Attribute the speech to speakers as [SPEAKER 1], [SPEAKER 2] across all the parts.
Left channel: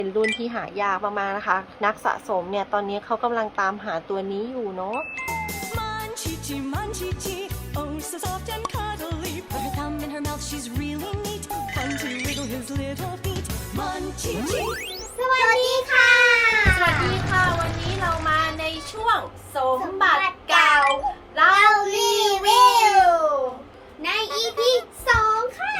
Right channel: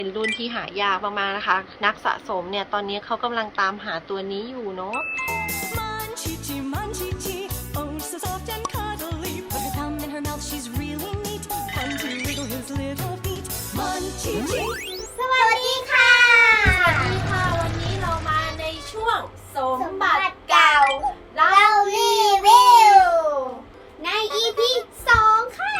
[SPEAKER 1] เป็นรุ่นที่หายากมากๆนะคะ นักสะสมเนี่ยตอนนี้เขากำลังตามหาตัวนี้อยู่เนาะ
[SPEAKER 2] Munchie, munchie, chee. Oh, so soft and cuddly. Put her thumb in her mouth, she's really neat. Fun to wiggle his little feet. Munchie, chee.
[SPEAKER 3] สวัสดีค่ะ
[SPEAKER 1] สวัสดีค่ะ วันนี้เรามาในช่วงสมบัติเก่าเรา
[SPEAKER 3] รีวิวใน EP 2 ค่ะ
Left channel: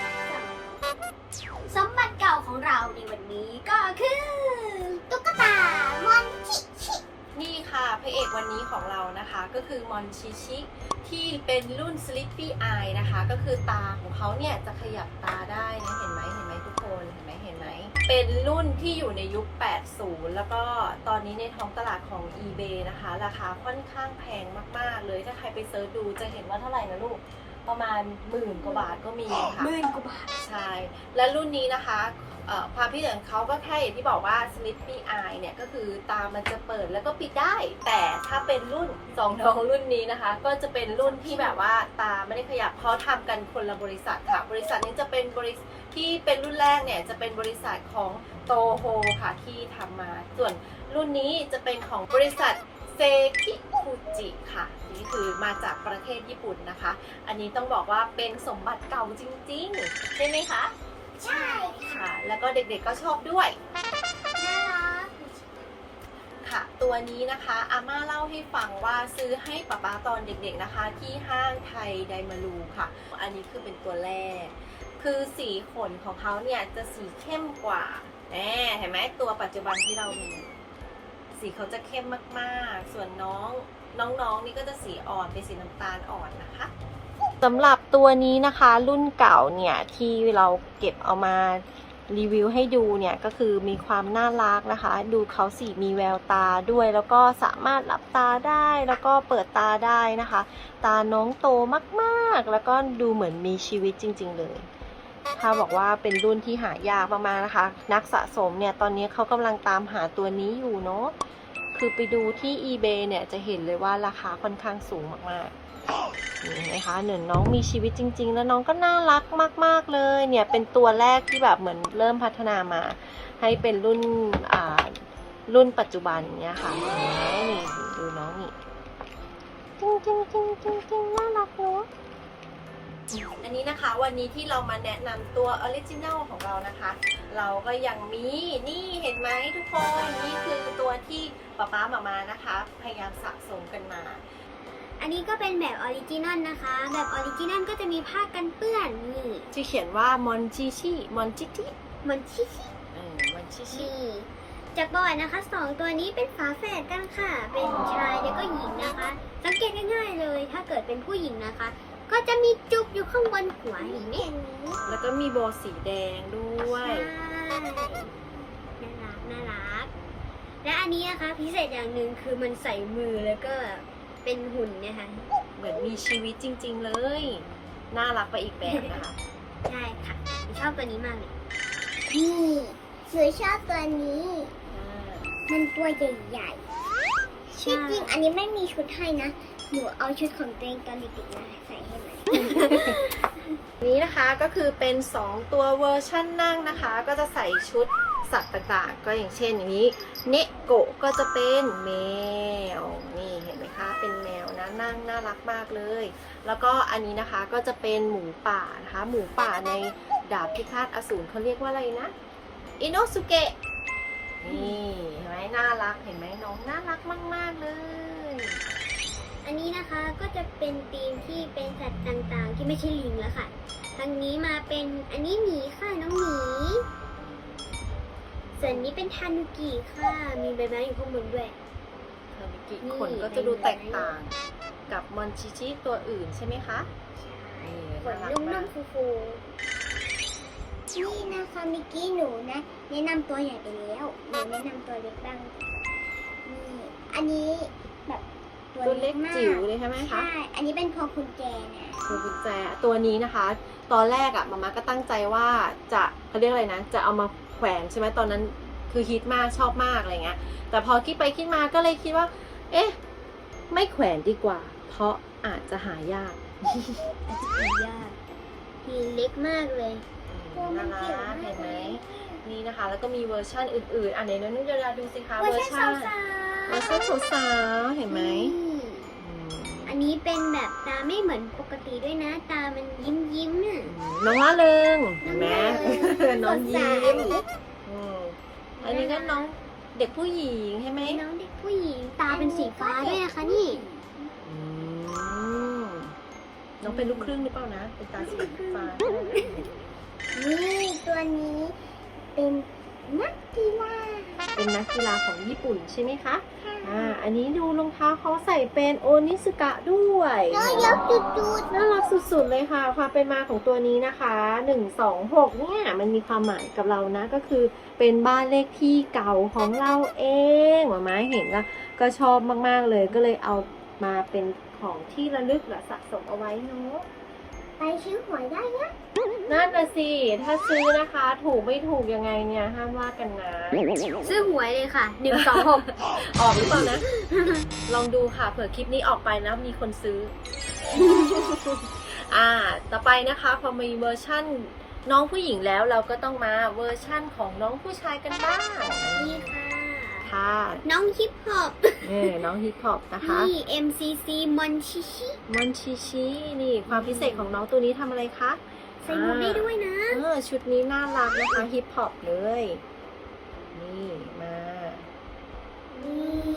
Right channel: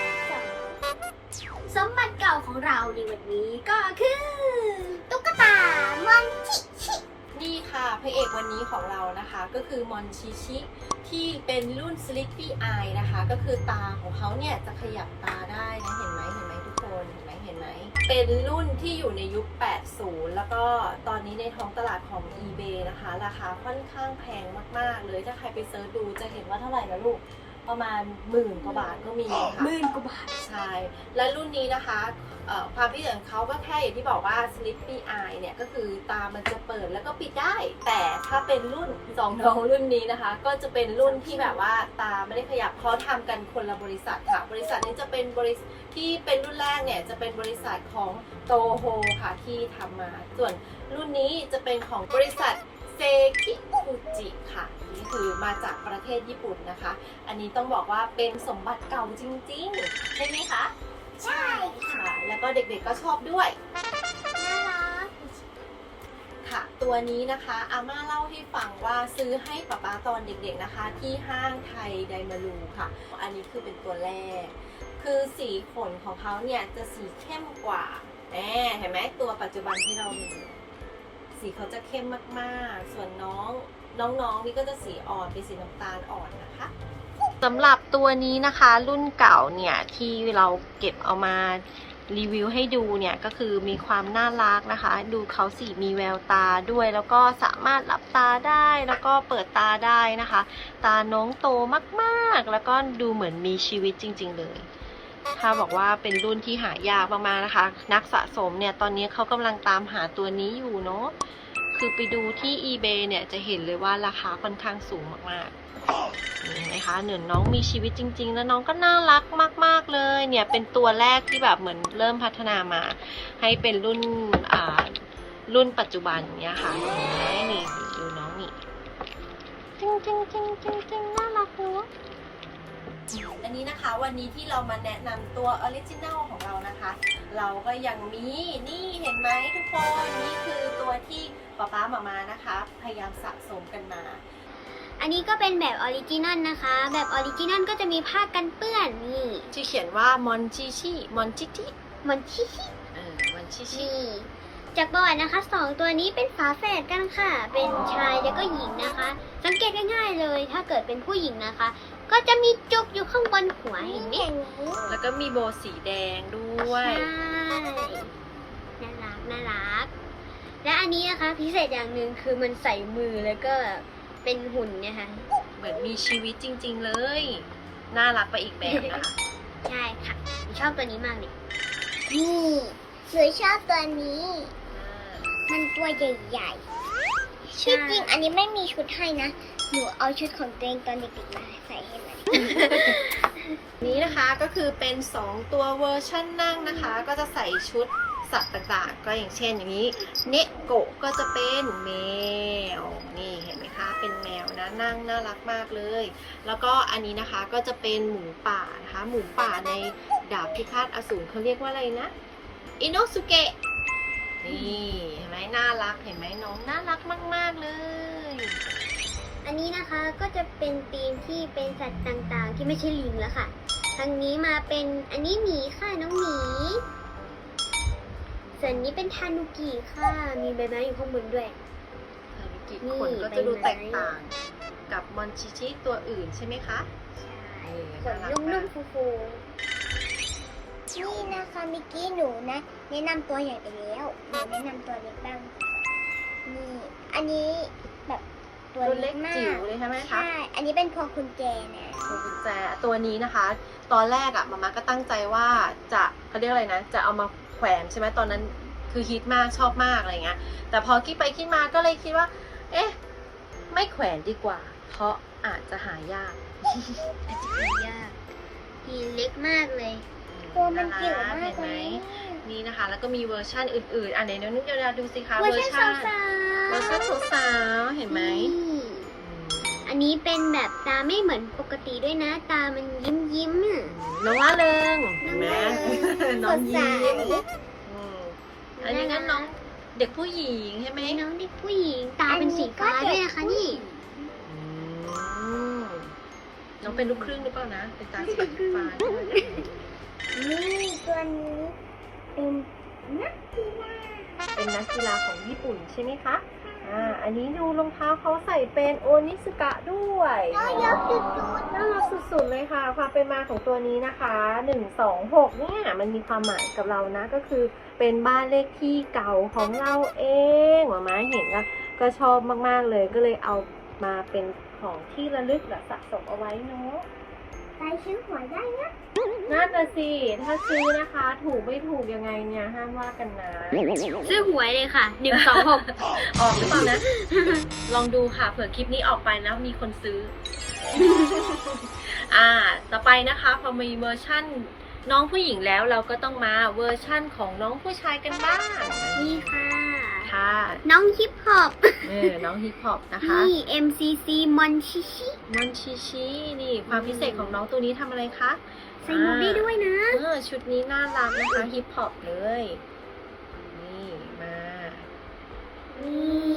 [SPEAKER 3] สมบัติเก่าของเราในวันนี้ก็คือตุ๊กตามอนชิชิ
[SPEAKER 1] นี่ค่ะพระเอกวันนี้ของเรานะคะก็คือมอนชิชิที่เป็นรุ่น Sleepy Eye นะคะก็คือตาของเขาเนี่ยจะขยับตาได้นะเห็นไหมทุกคนเห็นไหมเป็นรุ่นที่อยู่ในยุค 80 แล้วก็ตอนนี้ในท้องตลาดของ eBay นะคะราคาค่อนข้างแพงมากๆเลยถ้าใครไปเซิร์ชดูจะเห็นว่าเท่าไหร่นะลูกประมาณ10,000 กว่าบาทก็มีค่ะ
[SPEAKER 3] 10,000 กว่าบาท
[SPEAKER 1] ใช่ และรุ่นนี้นะคะความพิเศษของเขาก็แค่อย่างที่บอกว่า Sleepy Eye เนี่ยก็คือตามันจะเปิดแล้วก็ปิดได้ แต่ถ้าเป็นรุ่น2น้องรุ่นนี้นะคะ ก็จะเป็นรุ่นที่แบบว่าตาไม่ได้ขยับเขาทำกันคนละบริษัทค่ะ บริษัทนี้จะเป็นบริษัทที่เป็นรุ่นแรกเนี่ยจะเป็นบริษัทของโตโฮค่ะที่ทำมา ส่วนรุ่นนี้จะเป็นของบริษัทเซคิฟูจิค่ะนี่คือมาจากประเทศญี่ปุ่นนะคะ อันนี้ต้องบอกว่าเป็นสมบัติเก่าจริงๆใช่ไหมคะ
[SPEAKER 3] ใช่ค่ะ
[SPEAKER 1] ค่ะ แล้วก็เด็กๆก็ชอบด้วย
[SPEAKER 3] น่ารัก
[SPEAKER 1] ค่ะ ตัวนี้นะคะอาม่าเล่าให้ฟังว่าซื้อให้ป๊าป๊าตอนเด็กๆนะคะ ที่ห้างไทยไดมารูค่ะ อันนี้คือเป็นตัวแรก คือสีขนของเขาเนี่ยจะสีเข้มกว่าเห็นไหมตัวปัจจุบันที่เรามี สีเขาจะเข้มมากๆ ส่วนน้องๆนี่ก็จะสีอ่อนเป็นสีน้ำตาลอ่อนนะคะสำหรับตัวนี้นะคะรุ่นเก่าเนี่ยที่เราเก็บเอามารีวิวให้ดูเนี่ยก็คือมีความน่ารักนะคะ ดูเขาสีมีแววตาด้วย แล้วก็สามารถหลับตาได้แล้วก็เปิดตาได้นะคะ ตาน้องโตมากๆแล้วก็ดูเหมือนมีชีวิตจริงๆเลยถ้าบอกว่าเป็นรุ่นที่หายากมากๆนะคะ นักสะสมเนี่ยตอนนี้เขากำลังตามหาตัวนี้อยู่เนาะคือไปดูที่ eBay เนี่ยจะเห็นเลยว่าราคาค่อนข้างสูงมากๆนี่เห็นไหมคะน้องมีชีวิตจริงๆแล้วน้องก็น่ารักมากๆเลยเนี่ยเป็นตัวแรกที่แบบเหมือนเริ่มพัฒนามาให้เป็นรุ่นปัจจุบันเนี่ยค่ะนี่ดูน้องนี่จริงน่ารักเนาะอันนี้นะคะวันนี้ที่เรามาแนะนำตัวออริจินัลของเรานะคะ เราก็ยังมีนี่เห็นไหมทุกคนนี่คือตัวที่ป๊าป๊าหม่านะคะพยายามสะสมกันมา
[SPEAKER 3] อันนี้ก็เป็นแบบออริจินัลนะคะ แบบออริจินัลก็จะมีผ้ากันเปื้อนนี่
[SPEAKER 1] ที่เขียนว่ามอนชิชิมอนชิชิ
[SPEAKER 3] มอนชิชิ
[SPEAKER 1] มอนชิชิ
[SPEAKER 3] นี่จากบอร์ดนะคะ2ตัวนี้เป็นฝาแฝดกันค่ะ เป็นชายแล้วก็หญิงนะคะ สังเกตง่ายๆเลย ถ้าเกิดเป็นผู้หญิงนะคะ ก็จะมีจุกอยู่ข้างบนหัวเห็นไหม
[SPEAKER 1] แล้วก็มีโบสีแดงด้วย
[SPEAKER 3] ใช่น่ารัก และอันนี้นะคะพิเศษอย่างหนึ่งคือมันใส่มือแล้วก็เป็นหุ่นนะคะ
[SPEAKER 1] เหมือนมีชีวิตจริงๆเลย น่ารักไปอีกแบบนะคะ
[SPEAKER 3] ใช่ค่ะหนูชอบตัวนี้มากเลยนี่หนูชอบตัวนี้ มันตัวใหญ่ๆที่จริงอันนี้ไม่มีชุดให้นะ หนูเอาชุดของตัวเองตอนเด็กๆมาใส่ให้มัน
[SPEAKER 1] นี้นะคะก็คือเป็น 2 ตัวเวอร์ชั่นนั่งนะคะ ก็จะใส่ชุดสัตว์ต่างๆก็อย่างเช่นอย่างนี้เนโกะก็จะเป็นแมวนี่เห็นไหมคะเป็นแมวนะนั่งน่ารักมากเลย แล้วก็อันนี้นะคะก็จะเป็นหมูป่านะคะหมูป่าในดาบพิฆาตอสูรเขาเรียกว่าอะไรนะอิโนสุเกะนี่เห็นไหมน่ารักเห็นไหมน้องน่ารักมากๆเลย
[SPEAKER 3] อันนี้นะคะก็จะเป็นธีมที่เป็นสัตว์ต่างๆ ที่ไม่ใช่ลิงแล้วค่ะ ทางนี้มาเป็นอันนี้หมีค่ะน้องหมี ส่วนนี้เป็นทานุกิค่ะ มีใบไม้อยู่ข้างบนด้วย นี่
[SPEAKER 1] ขนก็จะดูแตกต่างกับมอนชิชิตัวอื่นใช่ไหมคะ
[SPEAKER 3] ขนนุ่มๆฟูๆนี่นะคะเมื่อกี้หนูนะแนะนำตัวใหญ่ไปแล้วหนูแนะนำตัวเล็กบ้างนี่อันนี้แบบตัวเล็กมาก
[SPEAKER 1] จิ๋วเลยใช่ไหมคะ
[SPEAKER 3] ใช่ อันนี้เป็นพวงกุญแจนะ
[SPEAKER 1] พวงกุญแจตัวนี้นะคะ ตอนแรกอะมาม่าก็ตั้งใจว่าจะเขาเรียกอะไรนะจะเอามาแขวนใช่ไหมตอนนั้นคือฮิตมากชอบมากอะไรเงี้ยแต่พอคิดไปคิดมาก็เลยคิดว่า เอ๊ะไม่แขวนดีกว่า เพราะอาจจะหายาก
[SPEAKER 3] ยากทีเล็กมากเลย ตัวมันจิ๋วมาก
[SPEAKER 1] เห็นไห
[SPEAKER 3] เล
[SPEAKER 1] ม
[SPEAKER 3] ย
[SPEAKER 1] นี่นะคะ แล้วก็มีเวอร์ชันอื่นๆ อันไหนน้องนิดาดูสิคะ
[SPEAKER 3] เวอร์ชันสาว
[SPEAKER 1] เวอร์ชันสาวๆเห็นไหม
[SPEAKER 3] อันนี้เป็นแบบตาไม่เหมือนปกติด้วยนะ ตามันยิ้มอ่ะ
[SPEAKER 1] น้องล่าเริง
[SPEAKER 3] น้อง
[SPEAKER 1] เห็นไหม
[SPEAKER 3] ล่าเริง
[SPEAKER 1] น้องยิ้
[SPEAKER 3] สดใส
[SPEAKER 1] มอืมอันนี้ก็น้องเด็กผู้หญิงใช่ไหม
[SPEAKER 3] น้องเด็กผู้หญิงตาเป็นสีฟ้าด้วยนะคะนี่
[SPEAKER 1] อืมน้องเป็นลูกครึ่งหรือเปล่านะเป็นตาสีฟ้า
[SPEAKER 3] นี่ตัวนี้เป็นนักกีฬา
[SPEAKER 1] เป็นนักกีฬาของญี่ปุ่นใช่ไหมคะ อันนี้ดูรองเท้าเขาใส่เป็นโอนิสกะด้วย
[SPEAKER 3] เยอะจุด
[SPEAKER 1] น่ารักสุดๆเลยค่ะความเป็นมาของตัวนี้นะคะ126เนี่ยมันมีความหมายกับเรานะก็คือเป็นบ้านเลขที่เก่าของเราเองหมาม้าเห็นนะก็ชอบมากๆเลยก็เลยเอามาเป็นของที่ระลึกและสะสมเอาไว้เนาะ
[SPEAKER 3] ไปซื้อหวยได้นะ
[SPEAKER 1] นั่นน่ะสิถ้าซื้อนะคะถูกไม่ถูกยังไงเนี่ยห้ามว่ากันนะ
[SPEAKER 3] ซื้อหวยเลยค่ะ126
[SPEAKER 1] ออกหรือเปล่านะ ลองดูค่ะเผื่อคลิปนี้ออกไปแล้วมีคนซื้อ ต่อไปนะคะพอมีเวอร์ชั่นน้องผู้หญิงแล้วเราก็ต้องมาเวอร์ชั่นของน้องผู้ชายกันบ้าง
[SPEAKER 3] นี่ค่ะ
[SPEAKER 1] ค่ะ
[SPEAKER 3] น้องฮิปฮอป
[SPEAKER 1] น้องฮิปฮอปนะคะ
[SPEAKER 3] นี่ MCC มอนชิชิ
[SPEAKER 1] มอนชิชินี่ความพิเศษของน้องตัวนี้ทำอะไรคะ
[SPEAKER 3] ใส่หมวกได้ด้วยนะ
[SPEAKER 1] ชุดนี้น่ารักนะคะฮิปฮอปเลย นี่มา
[SPEAKER 3] นี่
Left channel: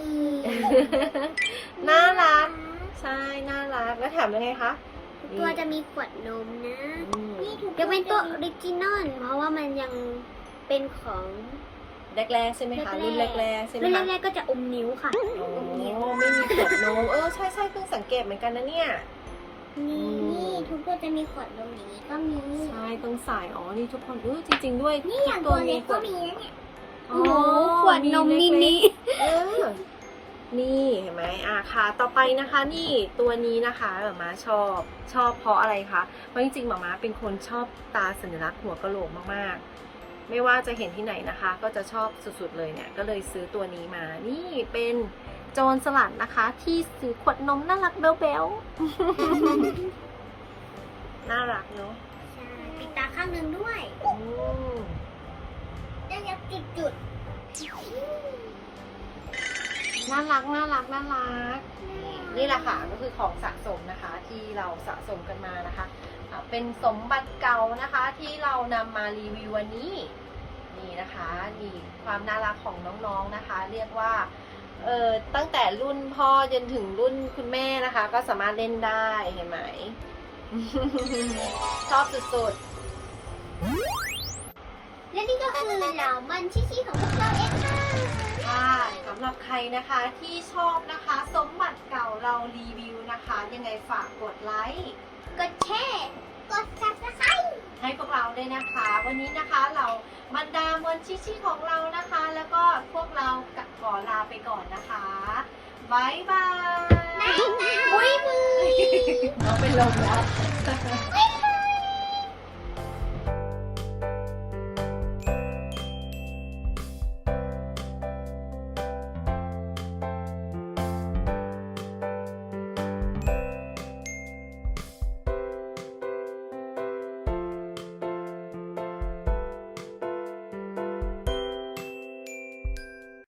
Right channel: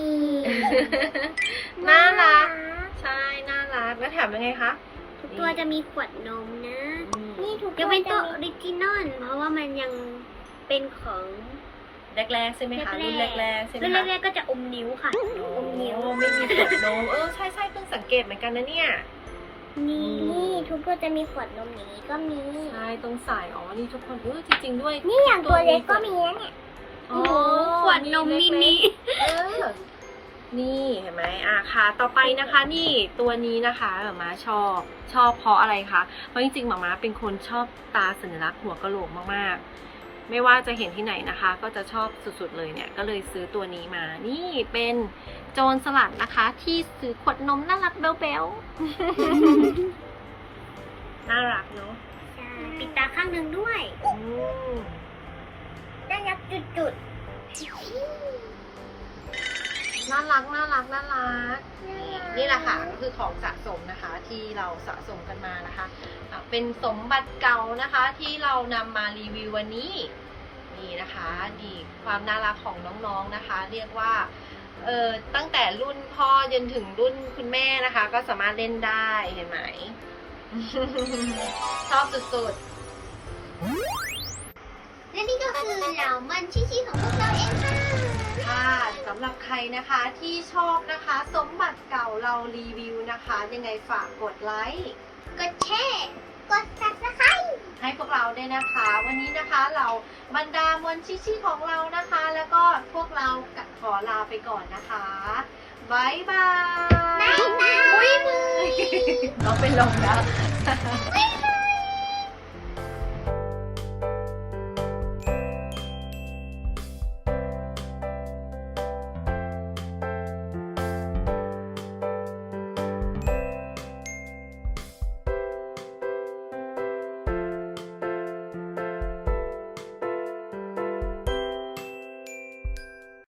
[SPEAKER 1] น่ารัก ใช่น่ารักแล้วแถมยังไงคะ
[SPEAKER 3] ทุกตัวจะมีขวดนมนะ
[SPEAKER 1] นี่ทุก
[SPEAKER 3] จะเป็นตัวออริจินอลเพราะว่ามันยังเป็นของ
[SPEAKER 1] แรกๆใช่ไหมคะรุ่นแรกๆใช่ไหม
[SPEAKER 3] รุ่น
[SPEAKER 1] คะ
[SPEAKER 3] แรกๆก็จะอมนิ้วค่ะ อมนิ้ว
[SPEAKER 1] ไม่มีขวดนมใช่เพิ่งสังเกตเหมือนกันนะเนี่ย
[SPEAKER 3] นี่ทุกตัวจะมีขวดนมอย่างนี้ก็มี
[SPEAKER 1] ใช่ต้องใส่นี่ทุกคนจริงๆด้วย
[SPEAKER 3] นี่อย่างตัวเล็กก็มีนะเนี่ย โอ้โหขวดนมมินิ
[SPEAKER 1] นี่เห็นไหมค่ะต่อไปนะคะนี่ตัวนี้นะคะหม่าม้าชอบเพราะอะไรคะเพราะจริงๆหม่าม้าเป็นคนชอบตาสัญลักษณ์หัวกะโหลกมากๆไม่ว่าจะเห็นที่ไหนนะคะ ก็จะชอบสุดๆเลยเนี่ยก็เลยซื้อตัวนี้มานี่เป็นโจรสลัดนะคะ ที่ซื้อขวดนมน่ารักเบลๆ น่ารักเนาะ
[SPEAKER 3] ใช่ปิดตาข้างหนึ่งด้วยได้ยักจุด
[SPEAKER 1] น่ารักนี่แหละค่ะก็คือของสะสมนะคะที่เราสะสมกันมานะคะเป็นสมบัติเก่านะคะที่เรานำมารีวิววันนี้นี่นะคะนี่ความน่ารักของน้องๆนะคะ เรียกว่าตั้งแต่รุ่นพ่อจนถึงรุ่นคุณแม่นะคะ ก็สามารถเล่นได้เห็นไหม ชอบสุดๆ
[SPEAKER 3] และนี่ก็คือเหล่ามันชิๆของพวกเราเองค่ะ
[SPEAKER 1] ค่ะสำหรับใครนะคะที่ชอบนะคะสมบัติเก่าเรารีวิวนะคะยังไงฝากกดไลค์
[SPEAKER 3] กดแชร์กด Subscribe
[SPEAKER 1] ให้พวกเราด้วยนะคะ วันนี้นะคะเราบรรดามวลชิๆของเรานะคะ แล้วก็พวกเราขอลาไปก่อนนะคะบ๊ายบาย
[SPEAKER 3] บ๊ายบาย
[SPEAKER 1] น้องเป็นลมแล้ว
[SPEAKER 3] บ๊ายบ